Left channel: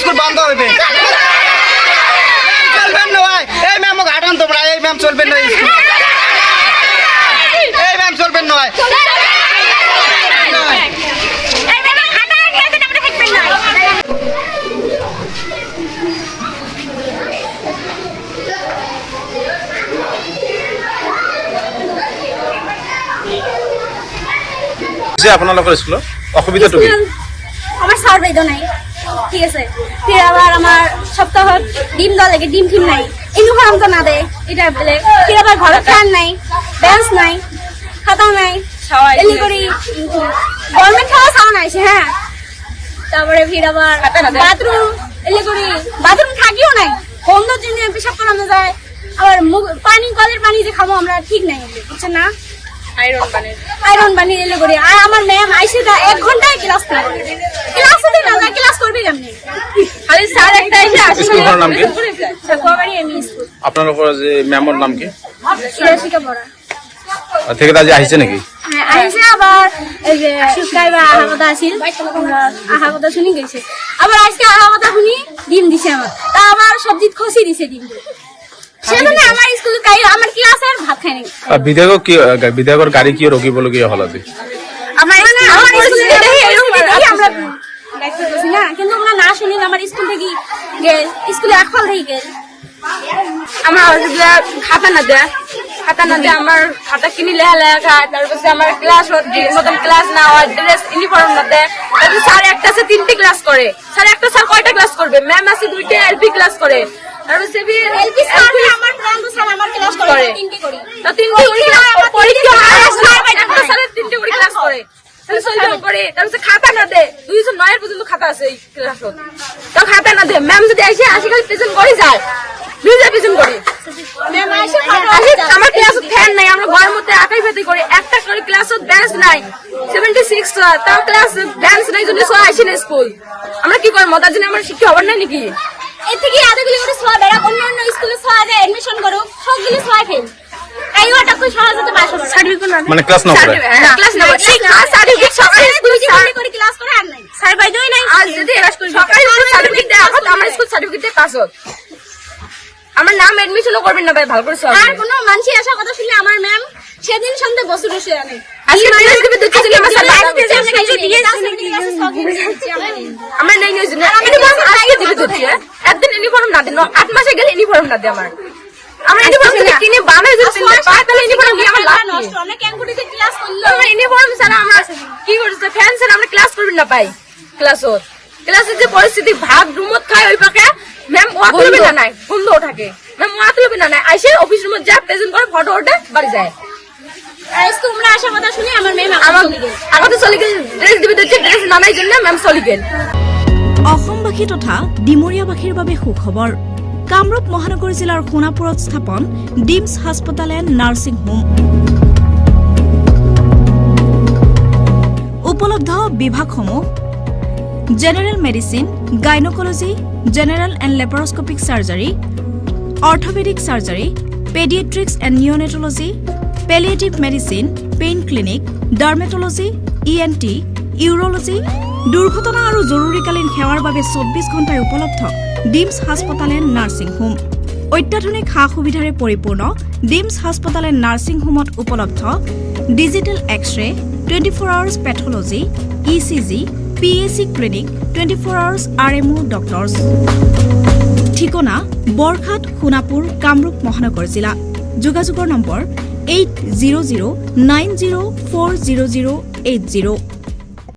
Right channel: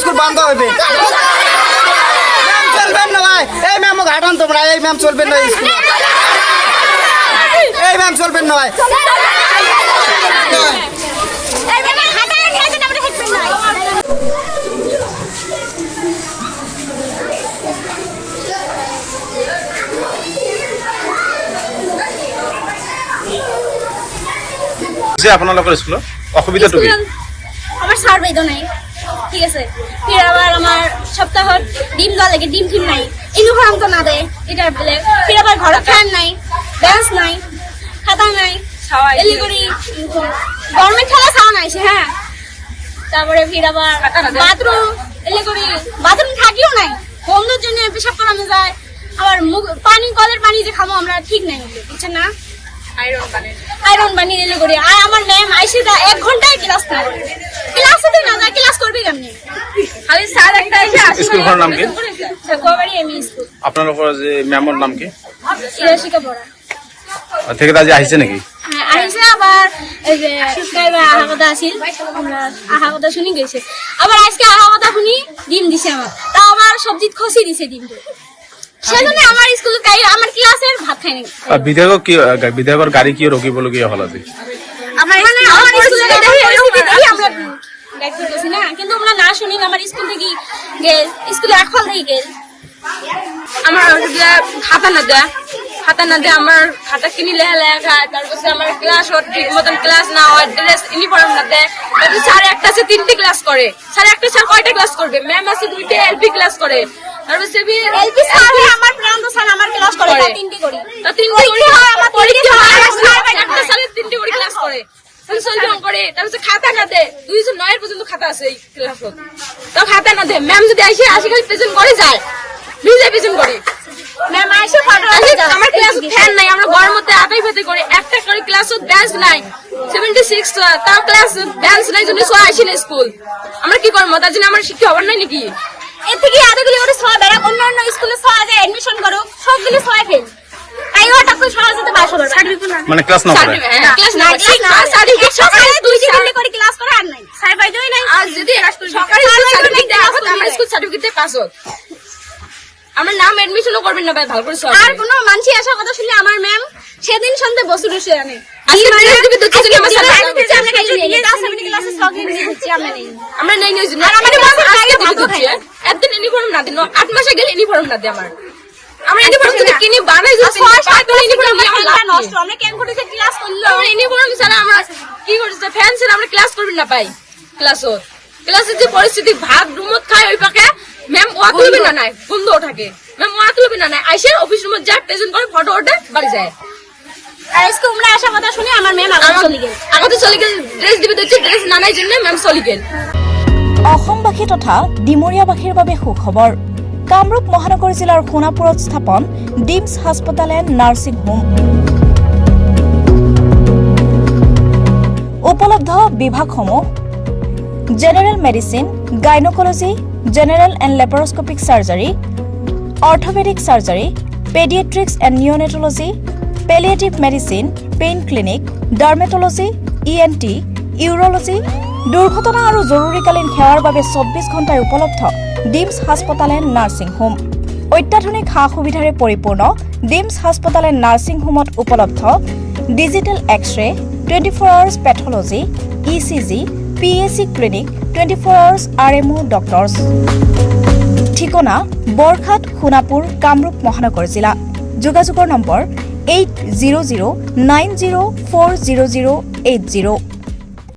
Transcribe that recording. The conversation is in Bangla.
স্কুল বন্ধ হবে। চলবেন না ভাই, এই ম্যাম ঘাটান তোমরা, এই ম্যাম চলবেন না স্কুল, এই ম্যাম চলবেন না ভাই। যে আপোনালোকৰ স্কুলত অসুবিধাটো কি? আমার স্যার বাইদ নাই, ঠিক আছে। ফির আবার আমার সপ্তাহত ডিম দেওয়া লাগে, ডিম ফিম নাই, ইউনিফর্ম তো না দেয়, এটা বলে। ফির আবার ঘরে ফ্যান নাই, বেঞ্চ নাই, খাতা নাই, এলি করি গভর্নমেন্ট খাওয়া খাওয়া নাইছে। হ্যাঁ, তারপরে ফির আবার বাথরুম এলি করি, বাথরুম থাকিও নাই, বন্ধুর জন্য পেশাব করানো যায়। আবার পানি, কলের পানি যে খাবো আমরা ঠিক নাই, বুঝছেন না? আয়রন পানি এলে করি। আর আমার ম্যাম আইসে 1 ঘন্টায় ক্লাস না করে, ক্লাসে না যায়, ক্লাস করবে কেমনি? খালি স্যার একটা আইসে আসে। স্কুলখনৰ নাম কি? সাকুয়াবাড়ি এমই স্কুল। আপোনালোকৰ যে মেমৰ নাম কি? ইরাশিকা পড়া। ঠিকাদার আজি আহিছে নেকি? হ্যাঁ আইসে। আবার এই যে কাইবা আহা কথা আছিল, আমরা আহা কথা শুনি গেছে। আবার আজকে আহা কথা শুনি ডিম দিছে আমার, তা আমার সবজি খসি দিছে ডিম। সেজন্য আমার স্কুলে আমার ক্লাসের ভাত খাই নাই। বিধায়কৰ গাড়ী কিয় ৰখিবলগীয়া হ'ল আজি? মানে আমার স্কুলে আমরা দেখতে পাচ্ছি না, কিন্তু আমরা না শুনি আমার স্কুল থেকে গেল, স্কুলে একফল থেকে গেল। আমার খাতা না দেয়, আমার খাতা কিনি লেখা, তারপর আমার ক্লাস ঠিক মতন ক্লাস না হয়, ড্রেস ইউনিফর্ম না দেয়। স্যার একটা আছে 3টি ক্লাস করে, স্যার একটা স্যার কয়টা ক্লাস করবে? ম্যাম আছে 2টি এলপি ক্লাস করে। তারপর এলপি স্যার আমার প্রান্ত স্যার আমার ক্লাস করে 3টি করি, তো 3টি করে পরীক্ষা হয়, একটা স্যারের 3টি করে ক্লাস করে। তাহলে সলভ করে, তারপর খাতা না দেয়, 2009 পর্যন্ত খাতা আছে এই ক্লাসত, তো খাতা না দেয়। ম্যাম যদি আসে খালি প্রেজেন্ট করে যায়, নিজে প্রেজেন্ট করে। ম্যাম আইসে আমার ক্লাসে ফ্যান নাই, আমরা ঘরের মধ্যে আটাই ভেতে করি। একটা করে ক্লাসত বেঞ্চ নাই, 76 তাও ক্লাস বেঞ্চ নাই, যদি সবাই আসি না স্কুল। আমরা কি করবো? তার জন্য আমার শিক্ষা হবার নাই নাকি? এর থেকে আরেকগুলি করে সবাই বেড়া অন্য অন্য স্কুলে সবাই এডমিশন করুক, সবগুলি সবাই ফেল। তাই ওটা কই সহজতে বাসা করবে, মানে ক্লাস না করে, ক্লাস না করে, সার্টিফিকেট সকালে করে ক্লাস করে আর নাই, স্যার বাইদই নাই। আজ যদি সকালে সার্টিফিকেট দেওয়া হয়, আমার স্কুল সার্টিফিকেট পাস হোক, আমার নাম এডমিশনও করবেন না ভাই, ভালো করে সব। আর কোনো মানুষই আসার কথা শুনলে আমার ম্যাম সেদিন সন্ধ্যে বসে বসে আনে আজকে ড্রেস দিবে, দুটো দিন আমার স্যার আমরা নেই নেই জন্য আজকে দিবে দুটো, একদিন ইউনিফর্ম না দেন, 8 মাসে গেলে ইউনিফর্ম না দেয় আমার। আমরা ইউনিফর্ম যদি কিনে বানাই যদি পাই, তাহলে ইউনিফর্ম নিয়ে আমার লাভ নষ্ট। আমরা কেন করিতে ক্লাস করলো, আমরা ইউনিফর্ম ছাড়া আমরা কি করতে? ফ্যান ছাড়া আমরা ক্লাস করবেন না পাই। ক্লাসের যে পরিস্থিতি, ভাত রুমত খায় ওই পাকে, ম্যাম ওয়া তুলবে না নাই, বন্ধ থাকে, ম্যাম ওয়া তুলবে না নাই, আইসে অফিস রুমে যায়, প্রেজেন্ট করে, ফটো ওঠে, বাড়ি যায়। আজকে আমরা আসার কথা শুনে আমার ম্যাম আগতে চলে গেল, ড্রেস দিবে দিচ্ছে, ড্রেস নানাই জন্য ম্যাম চলে গেল। অসমবাসী তথা ডিমৰীয়াবাসীৰ বাবে সুখবৰ। কামৰূপ মহানগৰ জিলাৰ সোণাপুৰত স্থাপন ডিমছ হাস্পতাল এণ্ড নাৰ্ছিং হোম। উপলব্ধ বিভাগসমূহ: general medicine, gynaecology, general and laparoscopic surgery, orthopaedic surgery, paediatrics and neonatology, palliative medicine, pain clinic, dermatology, ENT, urology. দুৰ্ঘটনা আৰু জৰুৰীকালীন সেৱাৰ বাবে 24 ঘণ্টাই উপলব্ধ ডিমছ হাস্পতাল এণ্ড নাৰ্ছিং হোম। অত্যাধুনিক সা সুবিধাৰে পৰিপূৰ্ণ ডিমছ হাস্পতাল এণ্ড নাৰ্ছিং হোমত উপলব্ধ digital x-ray, 24 hours pathology, ECG, PAC clinic, 24 hours RMO doctors. ঠিকনা: বৰঘাট, সোণাপুৰ, কামৰূপ মহানগৰ জিলা। যোগাযোগৰ নম্বৰ 8009040080।